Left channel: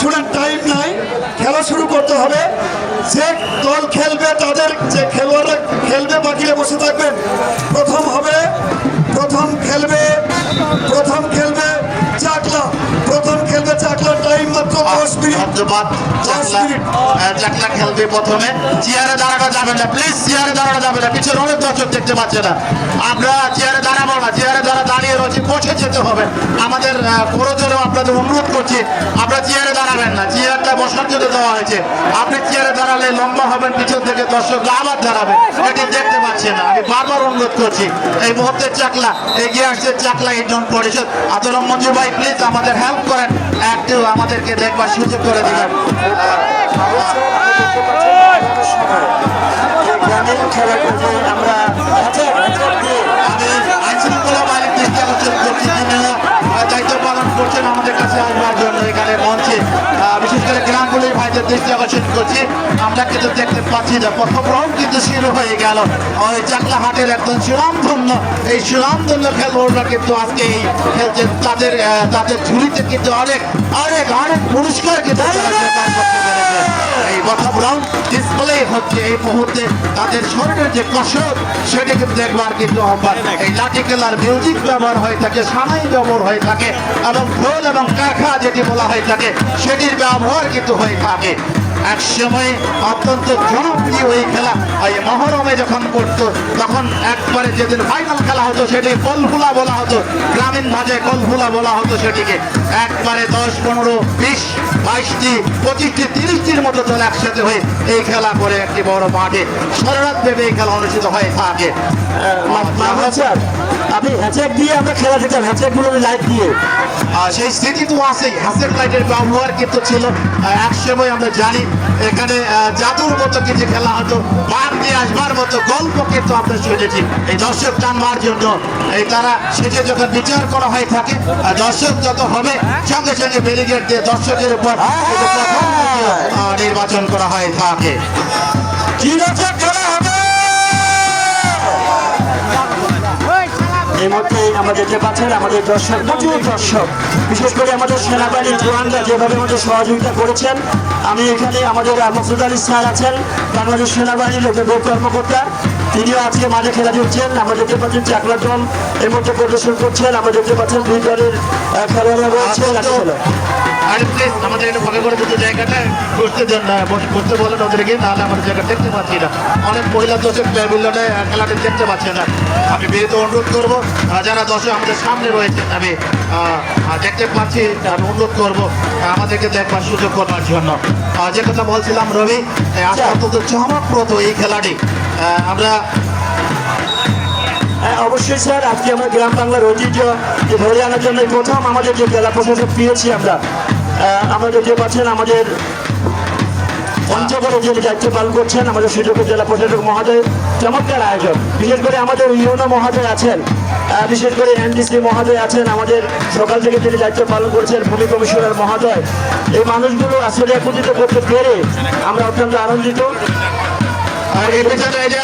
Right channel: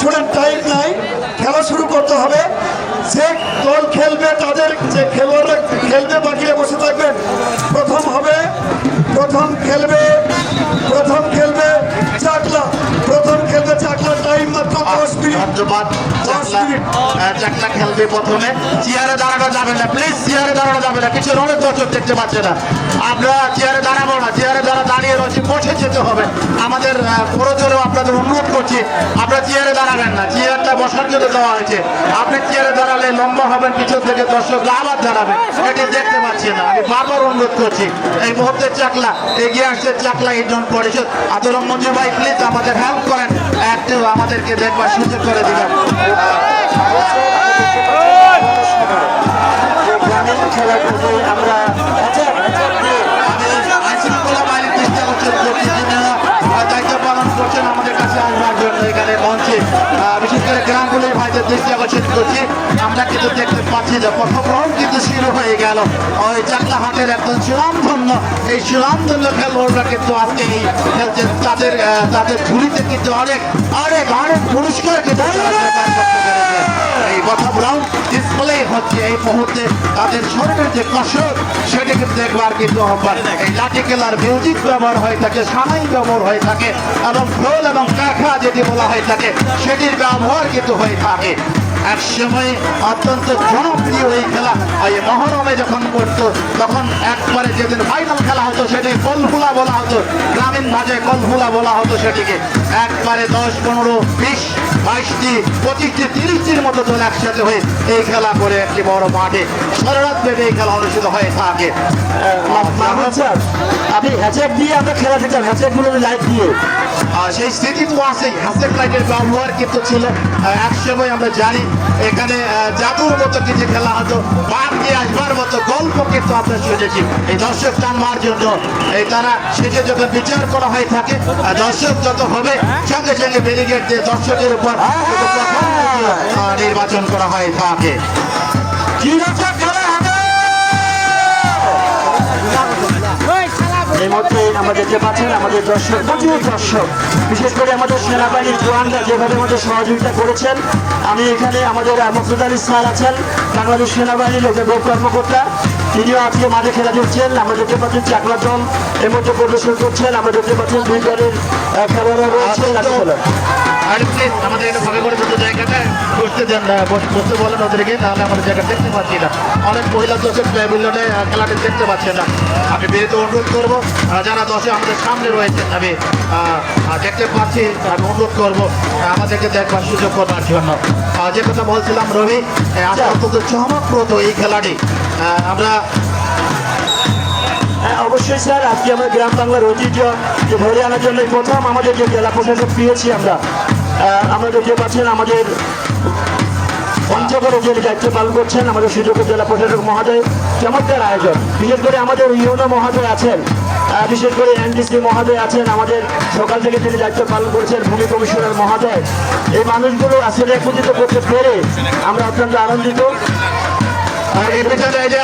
শুনেন, টাইম নাই, খেলা শুরু করতে হবে। যে দল খেলবে তাদের যে খেলোয়াড়রা খেলবে বাকিরা বসে থাকবেন। প্রথম খেলবে চাকলা। টাইম মাত্র 10 মিনিট। চাকলা খেলবে প্রথমে। চেয়ারে দাঁড়ানো যাবে না প্লিজ, চেয়ারে দাঁড়ানো যাবে না, পিছনে অনেক দর্শক দেখতে পাচ্ছে না। আমরা চেয়ারে দাঁড়াবো না, চেয়ারে দাঁড়িয়ে রয়েছি, বসে যেতে হবে। আমাদের পুরোজনও আপনাদের অনুরোধ করছি, আপনারা চেয়ারে দাঁড়াবেন না, চেয়ারটা বসার জন্য দেওয়া হয়েছে। আপনি চেয়ারে দাঁড়ালে লম্বা হবেন, পিছন থেকে দর্শকরা আবার দাঁড়াবে, এটি দেখতে পাচ্ছেন না। আমি বারবার অনুরোধ করছি, এই মুহূর্তে চাকলা এগিয়ে আসছে, চাকলা ইউনিয়ন পরিষদ। আদরম মঞ্জু ভাই প্লিজ আমাদের হেল্প করেন, একটু আমাদেরকে দেখবার সুযোগ করে দিলাম। দায়িত্ব পালন করছেন আমাদের কাছে আসবার জন্য এখানে মঞ্চে, বিশেষ করে গ্রামগুলির ভাইদের দৃষ্টি আকর্ষণ করছি। আমরা কিন্তু দেখতে পাচ্ছি যে প্রথম রাউন্ড কিন্তু শুরু হয়ে গেল। ওই চাকলা হাটের একজন সুনামধন্য, এই সুনামধন্য খেলোয়াড়রা কিন্তু আজকে এই খেলছে। তাদের ঝুড়িতে কিন্তু অনেক পুরস্কার কিন্তু এই প্রথম রাউন্ড ডিসপ্লে হচ্ছে। এই মুহূর্তে তাদের শরীরের যে কসরত সেটি কিন্তু দেখবার কিন্তু আহ্বান। এই লাঠি খেলার মিউজিক ব্যবহার হয়ে থাকে, সানাই ব্যবহার হয়ে থাকে এবং ঢোল এবং কাঁখা যেটি বলা হয়ে থাকে সেটির ব্যবহার কিন্তু হয়ে থাকে। এক সময় অত্যন্ত জনপ্রিয় এই খেলা এই মহরমে যখন করতো তখন একবারে যেদিন ফাইনাল খেলা হতো সেটি কলফুলা বলা হতো, গ্রামীণ ভাষায় কলফুলা বলা হতো সেটিকে। একবারে 10, 15, 20, 22টি, 25টি, 30টির মতো দল একসাথে হয়ে এই খেলা করে একটি বড় মাঠে সারারাত এই খেলা অনুষ্ঠিত হয়ে থাকে। আপনি হ্যাচার দিয়ে আমরা খেলা দিতাম, হ্যাচারগুলো লাইট দিয়ে, সেই স্মৃতি তো আছে। হাসের লাইটের ব্যবহার কিন্তু ছিল এক সময়। আমরা জানি এখানে জাদুর মতো কিছু খেলা হতো, বাদ দিয়ে আসবার মতো গল্প কিন্তু আমরা শুনেছি। এই দর্শক টানবার জন্য এই তারা শেষে যখন বিচার করা হয়ে থাকে, দর্শক যত হবে সঙ্গে সঙ্গে ব্যারিকেড দিয়ে দর্শকের উপর নির্বাচন করা হয়ে থাকে। এই মুহূর্তে আমরা দেখতে পাচ্ছেন আমাদের দর্শক, প্রচুর দর্শক, বিশেষ করে আমাদের সেনাবাহিনীর জওয়ানরা যেভাবে আমাদের সহযোগিতা করেছেন। আমি এখানে আমাদের মকসুদ আলী স্যার আছেন, বাংলাদেশ সেনাবাহিনীর গোপ কর্মকর্তা, তিনিও আজকে মাঠে খেলা দিচ্ছেন। আমরা দেখতে পাচ্ছেন চাকলা দল এর মধ্যে প্রদর্শন করছেন। আমরা দেখতে পাচ্ছেন 2 দলের খেলোয়াড়রা রয়েছে। আমাদের ভাগে করে দুটো জায়গাটা বসতে দেন না, বসতে বলেন ওদেরকে, নাহলে আমাদের জায়গা দেখতে পাচ্ছি না। অনেক মহিলা দর্শক প্যাভিলিয়নে খেলাটি দেখতে পাচ্ছে না। আমি বিরত অনুরোধ করবো, যারা দর্শক আমাদের সামনে রয়েছেন আমি দেখতে পাচ্ছি, আমি অনুরোধ করবো আমাদেরকে দেখবার সুযোগ করার জন্য। যে কথা বলছিলাম রবি, অত্যন্ত চমকপ্রদ এই খেলাটি। আমরা অবশ্যই স্যার, আজকে আমরা গ্রাম বাংলার ঐতিহ্য ধরে আনার জন্য প্রথম আমাদের যে জেলা প্রশাসক পেয়েছি আমরা দেখতে পাচ্ছেন আমাদের পঞ্চগড়ে যে দায়িত্ব পালন করছেন আমাদের সুযোগ্য জেলা প্রশাসক মহোদয়। চমৎকার আয়োজন, বিশেষ করে আমাদের ইউনো মহোদয় আছেন, বিশেষ করে এনডিসি মহোদয় আছেন, আমাদের সকাল থেকে তিনি দায়িত্ব পালন করছেন ভূমি কমিশনার মহোদয়। এই মানুষগুলো আসলে একত্রিত করতে পেরে আমরা অত্যন্ত আনন্দিত।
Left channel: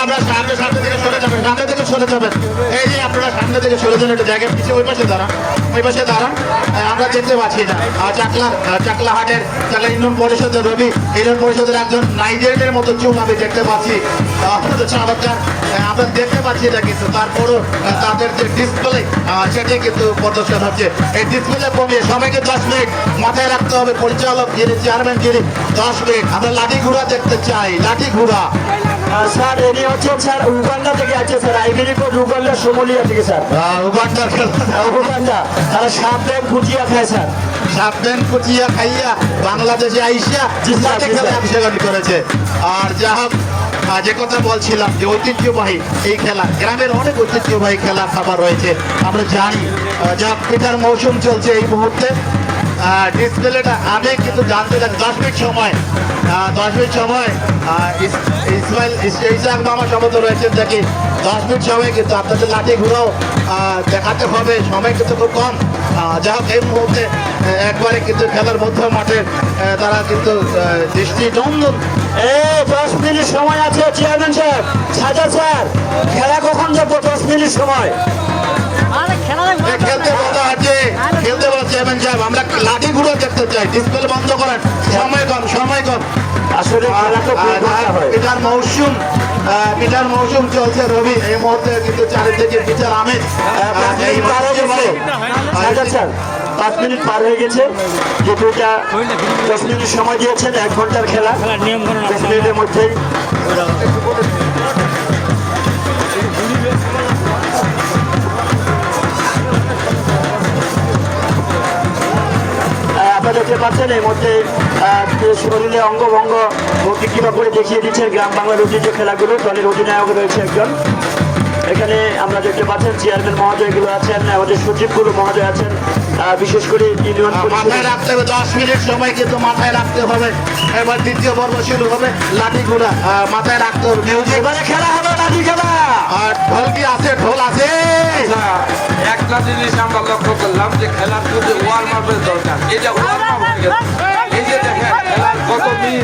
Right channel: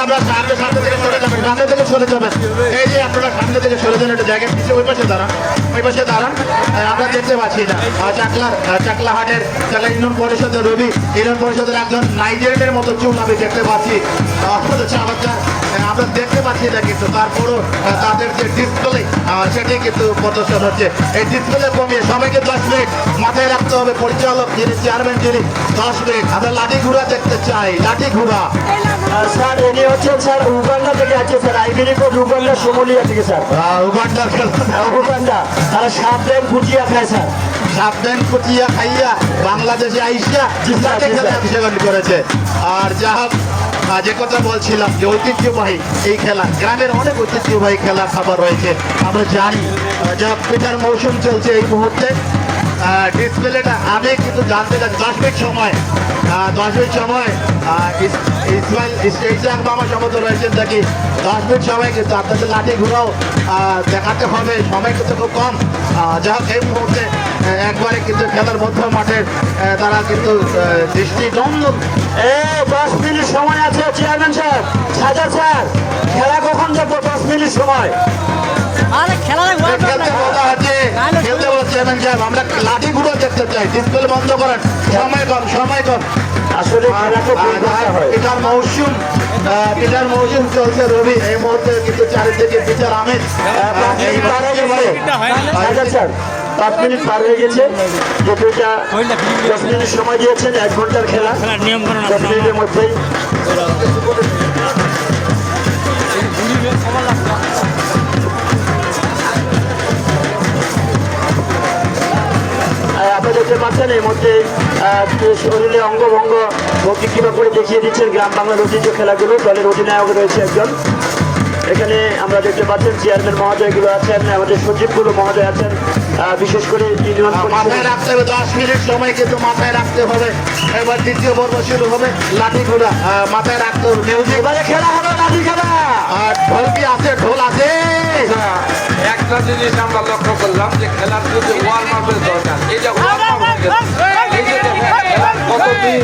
আমরা সামনে থেকে সরে যাবেন, এই যে আপনারা সামনে থেকে সরে যান, একটা জায়গায় পিছিয়ে ওই পাশে দাঁড়ান, এই পাশে দাঁড়ান। আমরা দেখতে পাচ্ছি না চাকলা হাটের চাকলা ইউনিয়ন পরিষদের রবি, ইউনিয়ন পরিষদের একজন নাইজেরিয়ানের মতো চুল আমি দেখতে পাচ্ছি। আমরা দেখতে পাচ্ছি না, কিন্তু তারপরও তাদের যে ডিসপ্লে সেটি কিন্তু প্রদর্শন হচ্ছে। এই ডিসপ্লে কমিয়ে সবাইকে 10 মিনিট মাথায় রাখতে হবে। পরিচালক যিনি, চেয়ারম্যান যিনি, 10 মিনিট। আমরা লাঠি ঘোড়া দেখতে চাই, লাঠি ঘোড়া। স্যার এনে হচ্ছে স্যার উগান্ডা থেকে আছে sir, Ivory Coast Uganda, Somalia থেকে স্যার। উগান্ডা তারা সাবধান কুচিয়া খায় স্যার, সাবধান কুচিয়া খাইয়া বাংলাদেশে আইসা অংশগ্রহণ করেছে। আর যা হোক, যে কথা বলছিলাম যে ঐতিহ্যবাহী এই খেলা, গ্রামের অনেক ঐতিহ্যবাহী খেলা খাবার রয়েছে। আমরা জানি যা পিঠার মৌসুম চলছে এই মুহূর্তে। ডিসপ্লেটা আমি কিন্তু জানতে চাই 10 মিনিট সময় ইসমাইল ইসলাম আমার সামনে রয়েছেন, দেখি 10 মিনিট সময় কিন্তু আপনাদের লাঠি ঘুরাও দেখাতে হবে, সময় কিন্তু খুব কম। যা হোক, এই মুহূর্তে একবারে কিন্তু খেলার মধ্য মাঠের তারা কিন্তু দৃষ্টিনন্দন। 10 মিনিট সময় আছে চেয়ারম্যান সাহেব, সাজা স্যার, খেলা কখন যাবো? 10 মিনিট সময় খেলতে বলা হচ্ছে, চেয়ারম্যান সাহেব, আমরা লাঠি ঘুরো দেখতে চাই। ডিসপ্লে বন্ধ করেন, সময় কম, সময় কম। আসলে খেলাকে ভুল করতে হয়। এটার মৌসুম চলছে রবি, এই মুহূর্তে কিন্তু চারিদিকে বিচার আমেজ। 5 মিনিট পার হয়ে গেছে। যেটা 10 মিনিট সময় দিয়েছেন, 1 ঘন্টার খেলা। নিয়ম করুন 10 মিনিটের মধ্যেই আপনারা দেখতে পাচ্ছেন এই মধ্যে শরীরে অঙ্গভঙ্গ ভর্তি কিবা করে দেখিয়ে দিচ্ছেন গ্রাম বাংলার ঐতিহ্য খেলাগুলো। দলের অধিনায়ক রয়েছে একজন। এখানে আমরা দেখতে পাচ্ছেন চেয়ারম্যান মহোদয়গুলো আছেন, আমাদের সচিবগুলো মহোদয় আছেন, বিশেষ করে ইউনিয়ন মাথায় রাখতে হবে 10 মিনিট সময় কিন্তু মাথায় রাখতে হবে। এবার দ্বিতীয় পর্ব শুরু হবে, লাঠিগুলা মাথায় রাখতে হবে। এবারে খেলা হবে লাঠি খেলা। আর ঢোল কি আছে? ঢোল আছে। একটা জিনিস আমরা লক্ষ্য করলাম যে খেলার কিন্তু ওয়ার্ম আপের দরকার। এই যে ওয়ার্ম আপ হয়ে গেছে, এই যে দেখেন কতদিন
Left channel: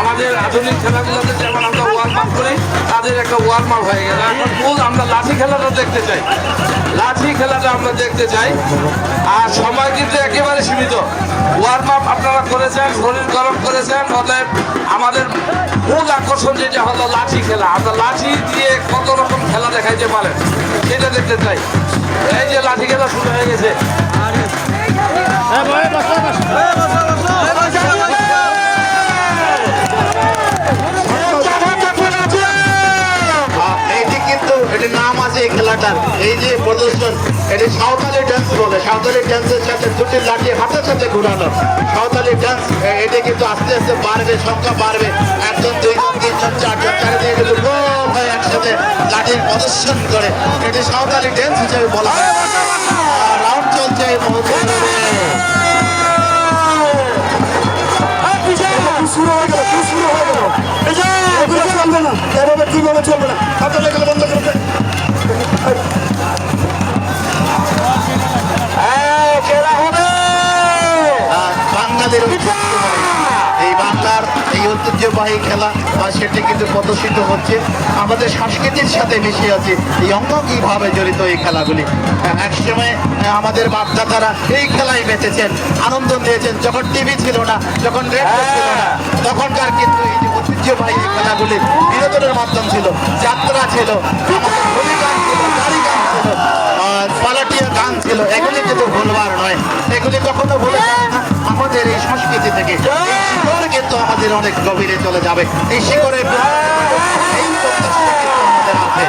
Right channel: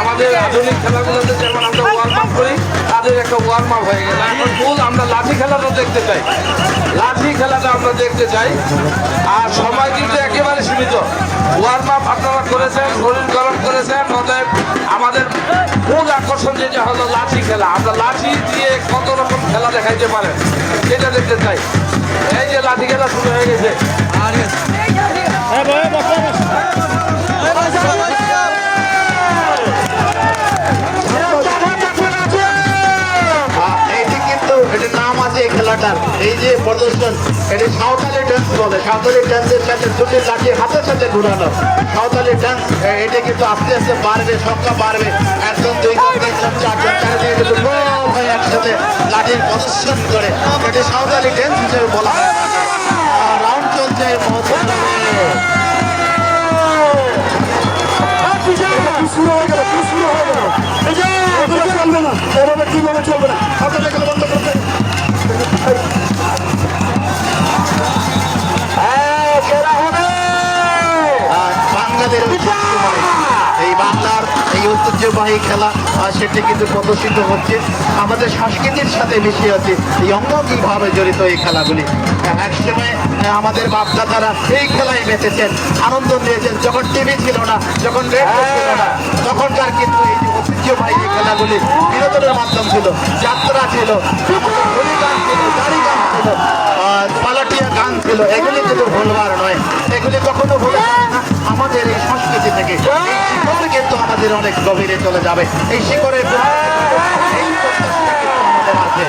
আমাদের আধুনিক খেলাগুলোতে যেমন আমরা ওয়ার্ম আপ করি, তাদের একটা ওয়ার্ম আপ হয়ে গেছে। এখন মূল আমরা লাঠি খেলাটা দেখতে চাই, লাঠি খেলাটা আমরা দেখতে চাই। আর সময় কিন্তু একেবারে সীমিত। ওয়ার্ম আপ আপনারা করেছেন, শরীর গরম করেছেন, অতএব আমাদের মূল আকর্ষণ যেটা হলো লাঠি খেলা। আমরা লাঠি দিয়ে কত রকম খেলা দেখাইতে পারে এটা দেখতে চাই। এই যে লাঠি খেলা শুরু হয়ে গেছে। এইটি কিন্তু এটির নাম আছে এই খেলাটার, এই যে প্রদর্শন, এটি সাঁওতালি ডান্স বলে। সাঁওতালি ডান্সের সাথে দুটি লাঠি হাতের সাথে ঘুরানো সাঁওতালি ডান্স। এটি কিন্তু আস্তে আস্তে বাড়বে, সংখ্যা বাড়বে। 1 জন 2 জন 3 জন 4 জন চারিদিকে কিন্তু গোল হয়ে একসাথে লাঠির প্রদর্শন করে। এটি সাঁওতালি ডান্স হিসেবে বলা হয়। রাউন্ড চলছে এই মুহূর্তে। শুরু হয়ে গেল, শুরু হয়ে গেল। এই যে এভাবে চলবে না, এভাবে কিভাবে চলবে না। হাতে লেগে বন্ধ করতে। খেলা হবে বাংলাদেশ এই বাংলার এই ঐতিহ্যবাহী খেলা, আর সেটি কিন্তু প্রদর্শিত হচ্ছে। আমাদের সংস্কৃতির সাথে মিশে আছে, এই অঙ্গীভাবে জড়িত এই খেলাগুলি। একসময় আমাদের বাপদাদারা এই খেলায় বেঁচেছেন, আনন্দ নিয়েছেন। যখন টিভি ছিল না, যখন রেডিও ছিল না, তখনকার কিন্তু এই যে ঐতিহ্যবাহী এই খেলাগুলি বিনোদনের মাধ্যম ছিল, যাত্রা ছিল, হোলি গান ছিল, গাড়ি গান ছিল, পালাটিয়া গান ছিল। এগুলি কিন্তু ভুলবার নয়, এগুলি কখনো ভুলে যাবে না। আমাদের এই সংস্কৃতি থেকে এই শিকড় কিন্তু আমাদের অনেক গভীরে চলে যাবে। এই শিকড়ের এই প্রত্যাশা কিন্তু আমাদের আছে।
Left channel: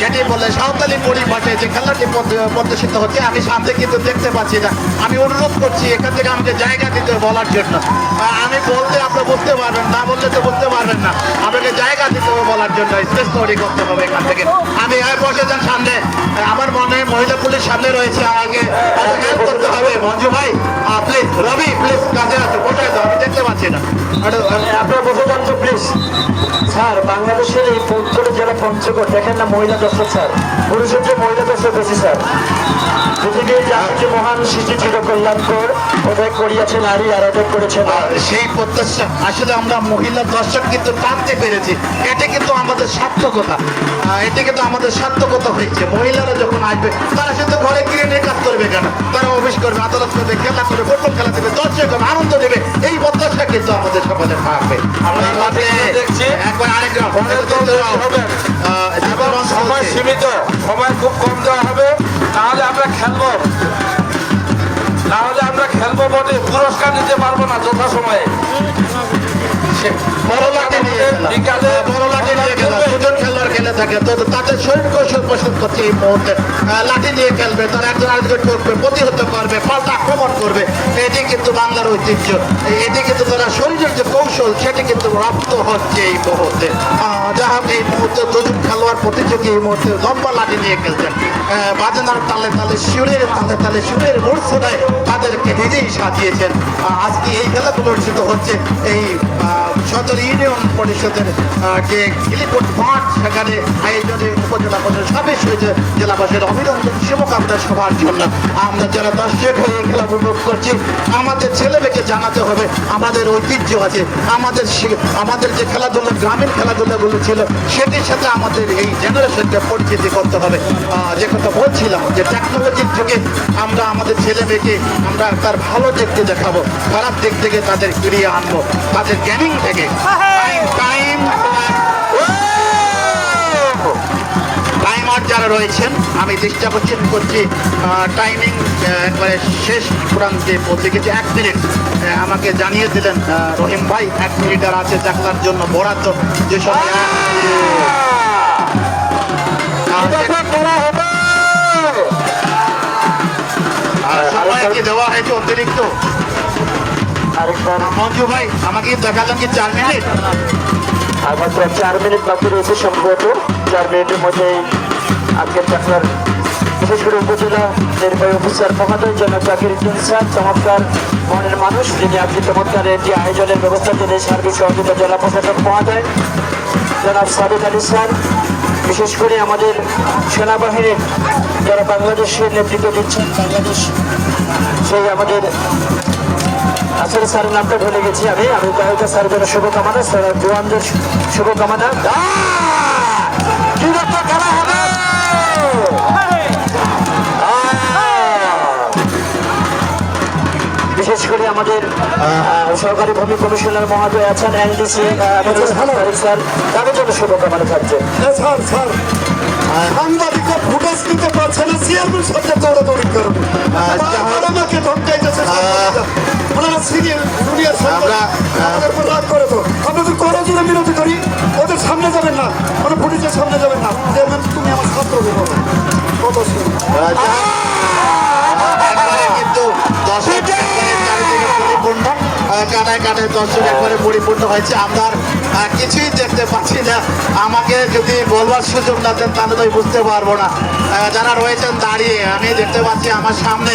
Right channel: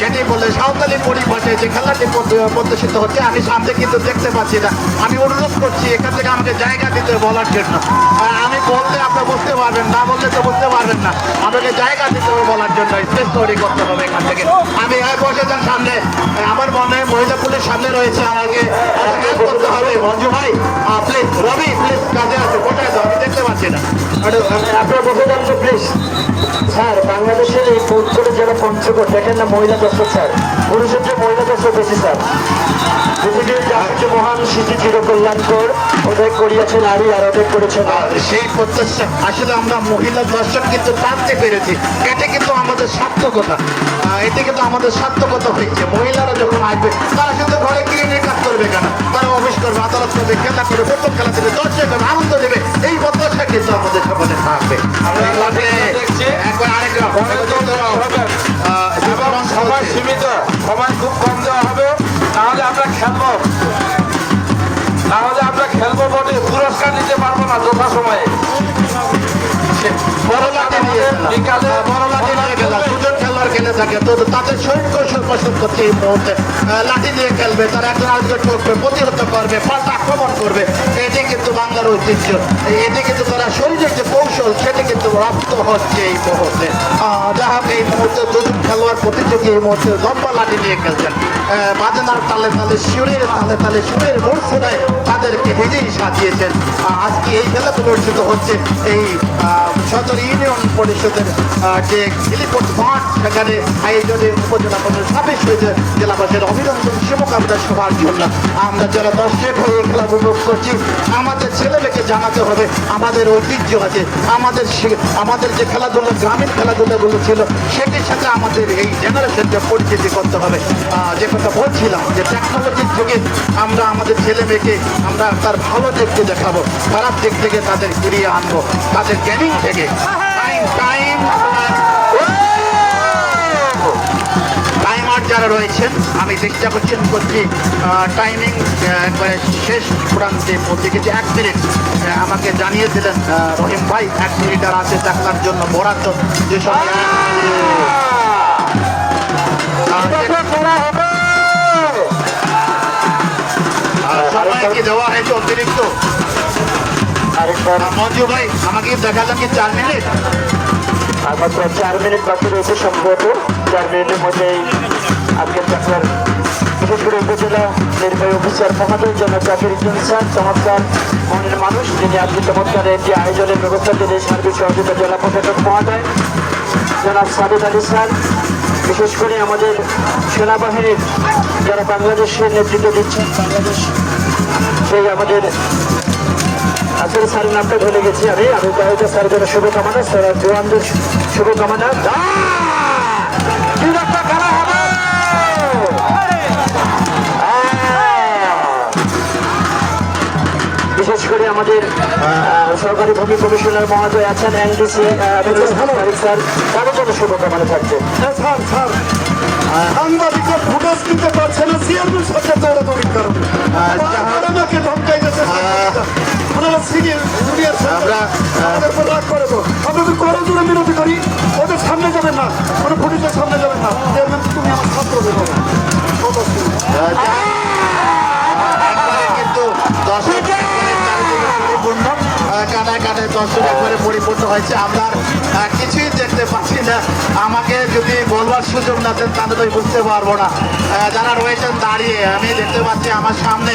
যেটি বলে সাঁওতালি পরিভাষায় যে খেলাটি প্রদর্শিত হচ্ছে, আমি সামনে কিন্তু দেখতে পাচ্ছি না। আমি অনুরোধ করছি এখান থেকে আমাকে জায়গা দিতে বলার জন্য। আমি বললে আপনি বুঝতে পারবেন, না বললে তো বুঝতে পারবেন না। আমাকে জায়গা দিতে হবে বলার জন্য, স্পেস তৈরি করতে হবে এখান থেকে। আমি বসে যান সামনে, আমার মনে মহিলা পুলিশ সামনে রয়েছে, আমাকে করতে হবে। মঞ্জু ভাই প্লিজ, রবি প্লিজ, কাজে আছে, কোথায় তো আমি দেখতে পাচ্ছি না। আপনার বলতে যান তো প্লিজ। স্যার, বাংলাদেশের এই উত্তরের জেলা পঞ্চগড়, দেখেন না মহিলা দর্শক স্যার, পুরুষের যে মহিলা দর্শক বেশি স্যার। পৃথিবীর যে মহান শিশু চির কল্যাণকর, ওদের করিয়াছে নারী আর ওদের করেছে সেই প্রত্যাশা আসলে আমরা মহিলা দর্শক কিন্তু টানতে পেরেছি। এটা কিন্তু আমাদের সার্থকতা, এটা কিন্তু আমাদের সার্থকতা হচ্ছে। মহিলারা যখন আসবে, তারা কিন্তু ঘরে গিয়ে মেকআপ করবে কেন, তারা অফিস করবে, আদালত করবে, খেলা করবে, ফুটবল খেলা দেবে, দর্শক হবে, আনন্দ দেবে। এই প্রত্যাশা কিন্তু আমাদের সকলে থাকবে। আমরা দেখছি একবার আরেকটা সময় সীমিত, সময় খুব কম দেওয়া হবে। তাহলে আমরা খেলবো, তাহলে আমরা খেলবো বলে পুরস্কার দিতে পারবো না যথা সময়ে। বড় লাঠি নিয়ে বিকালে বড় লাঠি নিয়ে খেলা, দুজন খেলোয়াড় খেলে থাকে, তো তাদের শরীর কৌশল প্রশ্ন করছে এই মুহূর্তে। লাঠি নিয়ে খেলবে, তারা একজন আরেকজন করবে, প্রতিহত করবে, পাল্টা আক্রমণ করবে। এটি কিন্তু বাংলার ঐতিহ্য, এটি কিন্তু তারা শরীরের যে কৌশল, সেটি কিন্তু রপ্ত হচ্ছে এই মুহূর্তে। যারা এই মুহূর্তে দুজন খেলোয়াড় প্রতিযোগী এই মুহূর্তে লম্বা লাঠি নিয়ে খেলছেন বাজনার তালে তালে সুরের তালে তালে সুরের মূর্ছনায় তাদেরকে নিজেই সাজিয়েছেন আজকে এই খেলাগুলো অনুষ্ঠিত হচ্ছে এই সদর ইউনিয়ন পরিষদের যে হেলিপোর্ট মাঠ সেখানে আয়োজনে উপজেলা পরিষদ সদস্য জেলাবাসীর অভিনন্দন শুভকামনা সবার জন্য আমরা যারা দর্শক হয়ে এই খেলা উপভোগ করছি আমাদের ছেলেমেয়েকে জানাতে হবে আমাদের ঐতিহ্য আছে আমাদের যে খেলাধুলা গ্রামীণ খেলাধুলাগুলো ছিল সেটির সাথে আমাদের এই জেনারেশনকে পরিচিতি করতে হবে যে কথা বলছিলাম যে টেকনোলজির যুগে আমরা আমাদের ছেলে মেয়েকে আমরা তার ভালো দিককে দেখাবো খারাপ দিক থেকে তাদের ফিরিয়ে আনবো তাদের গেমিং থেকে টাইমার যারা রয়েছেন আমি চেষ্টা করছি টাইমিং শেষ প্রান্তে বলতে গেছি 1 মিনিট আমাকে জানিয়ে দিলেন রহিম ভাই 1 মিনিট আর আছে দেখার জন্য বরাদ্দ যে সময় দেওয়া হয়েছে অতিরিক্ত মঞ্জু ভাই আমাকে দেখালেন যে 4 মিনিট 4 মিনিট বাকি রয়েছে সম্ভবত 4 মিনিটের মধ্যে আজকের যাত্রার বিশেষ করে উপজেলা নির্বাহী অফিসার মহোদয় জনাব জাকির উদ্দিন স্যার চমৎকার মনের মানুষ যিনি আজকে চমৎকার একটি আয়োজনের ব্যবস্থা তিনি সার্বিক সহযোগিতা জেলা প্রশাসক মহোদয় জনাব সাবিত আলী স্যার বিশেষ করে আমাদের সেনাবাহিনীর যারা বাংলাদেশের নেতৃত্ব দিচ্ছেন বাংলাদেশ সেই আমাদের আসলে স্যারের নামটা ভুলে গেছি আমি তাহলে স্যারের জন্য শুভকামনা স্যার জওয়ানদের শুভকামনা বিশেষ করে আমাদের সরকারি ভূমি কমিশনার মহোদয় আছেন এলডিসি স্যার তাদের জন্য শুভকামনা থাকছে স্যার সাংবাদিকরা ফুটেজ নিতে পারছে না সিআরপির সাথে দৌড়াদৌড়ি করবে আমাকে ধমকাই দিয়েছে ওনারা সিনিয়র সরকার রাগ করে তো আমরা যদি করে জন্য বিরোধী করি ওদের সামনে যাবেন না ওদের ফুটেজের সামনে যাবেন না তুমি আমার ছাত্র কিন্তু পরিপূর্ণ কানায় কানায় দর্শক একবারে পরিপূর্ণ হয়েছে আমরা কিছুই দেখতে পাচ্ছি না আমাকে যদি বলবার সুযোগ না দেন তাহলে তো বুঝতে পারবো না যারা রয়েছেন দাঁড়িয়ে আমি দেখতে পাচ্ছি আমার সামনে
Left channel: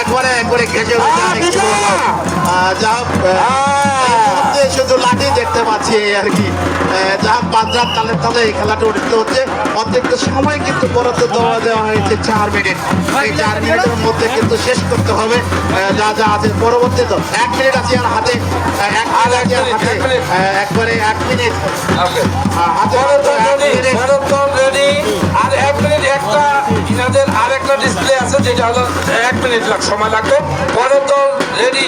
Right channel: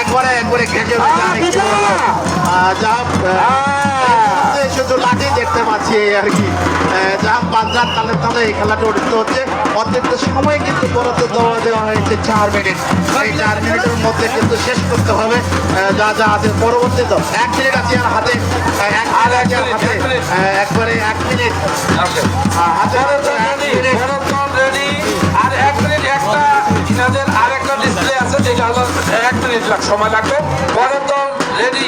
একবারে ঘেঁচে যা শুধু লাঠি দেখতে পাচ্ছি আর কি যা বাজার তালে তালে এই খেলাটা অনুষ্ঠিত হচ্ছে অত্যন্ত সময় কিন্তু বরাদ্দ দেওয়া হয়েছে 4 মিনিট এই 4 মিনিটের মধ্যে কিন্তু শেষ করতে হবে যা যা আছে পরবর্তী তো 1 মিনিট আছে আর হাতে একবারে 1 মিনিট হাতে আর 1 মিনিট একটা ইনাদের আরেকটা ডিসপ্লে আছে যেটা হলো 1 মিনিট সময় লাগবে পরের দল রেডি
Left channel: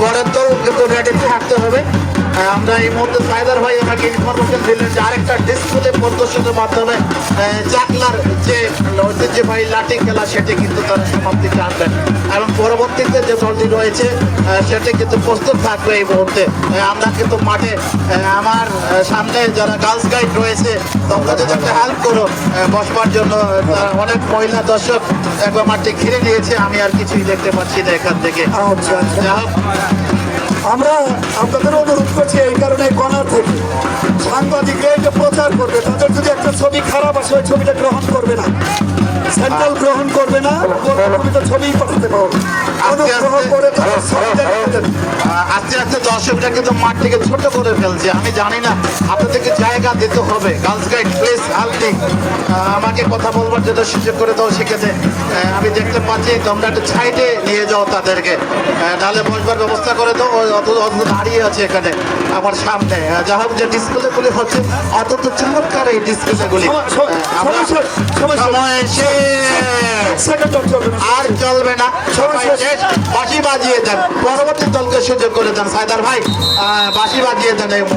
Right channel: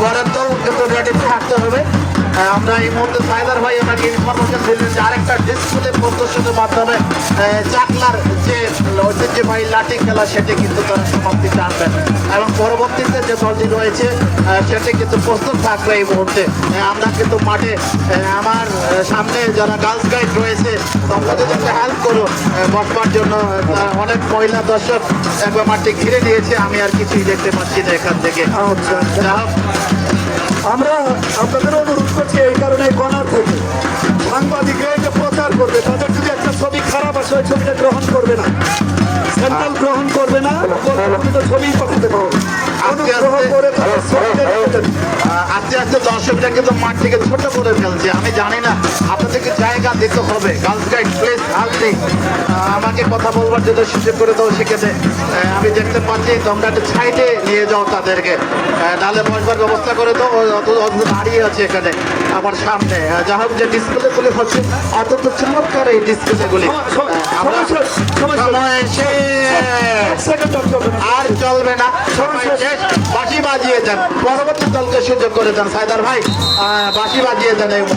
বরাদ্দ কিন্তু রেডি থাকতে হবে আমরা এই মুহূর্তে সাইদার ভাই আমাকে ইনফরমেশন দিলেন যে আরেকটা ডিসপ্লে প্রদর্শনের মাধ্যমে চাকলার যে ঐতিহ্যবাহী লাঠি খেলা সেটি কিন্তু তারা সমাপ্তি টানবেন এবং পরবর্তীতে যে দলটি রয়েছে সেটি কিন্তু প্রস্তুত থাকবে এই মুহূর্তে আমরা কিন্তু মাঠে আমার সামনে যারা গার্লস গাইড রয়েছে তোমরা যদি একটা হেল্প করো বসবার জন্য অনেক মহিলা দর্শক একবার মাঠে ঘিরে দিয়েছে আমি আর কিছুই দেখতে পাচ্ছি না এখান থেকে আমরা আপনাদের অনুরোধ করছি এই কারণে গণার থেকে সাংবাদিকরা এটা প্রচার করবে তাদের যদি একটা ছবি খারাপ আসে ওই ছবিটা গ্রহণ করবে না স্যাম্পল গ্রহণ করবে না ছবি পাঠাতে পারবে গ্রহণ করে আস্তে আস্তে দর্শকরা কিন্তু মাঠ থেকে ছোট করে ফেলছে আমি জানি না আপনাদেরকে জায়গা দিতে হবে গার্লস গাইড প্লিজ হেল্প আমাকে কথা বলবার জন্য সুযোগ করে দাও সেখানে আমি দেখতে পাচ্ছি তোমরা একটু সাইডে নিয়ে যাও তাদেরকে তাহলে বসবার ব্যবস্থা করে দাও অত দাঁড়িয়ে আছে এখানে আমার সামনে যা হোক যে ডিসপ্লেগুলি হচ্ছে অত চমৎকার এই ডিসপ্লেগুলি আর চলবে না বাঁশি বাজিয়ে দেন পরবর্তী দলকে সুযোগ করে দেন সাইদার ভাই বাঁশি বাজিয়ে দেন এই মুহূর্তে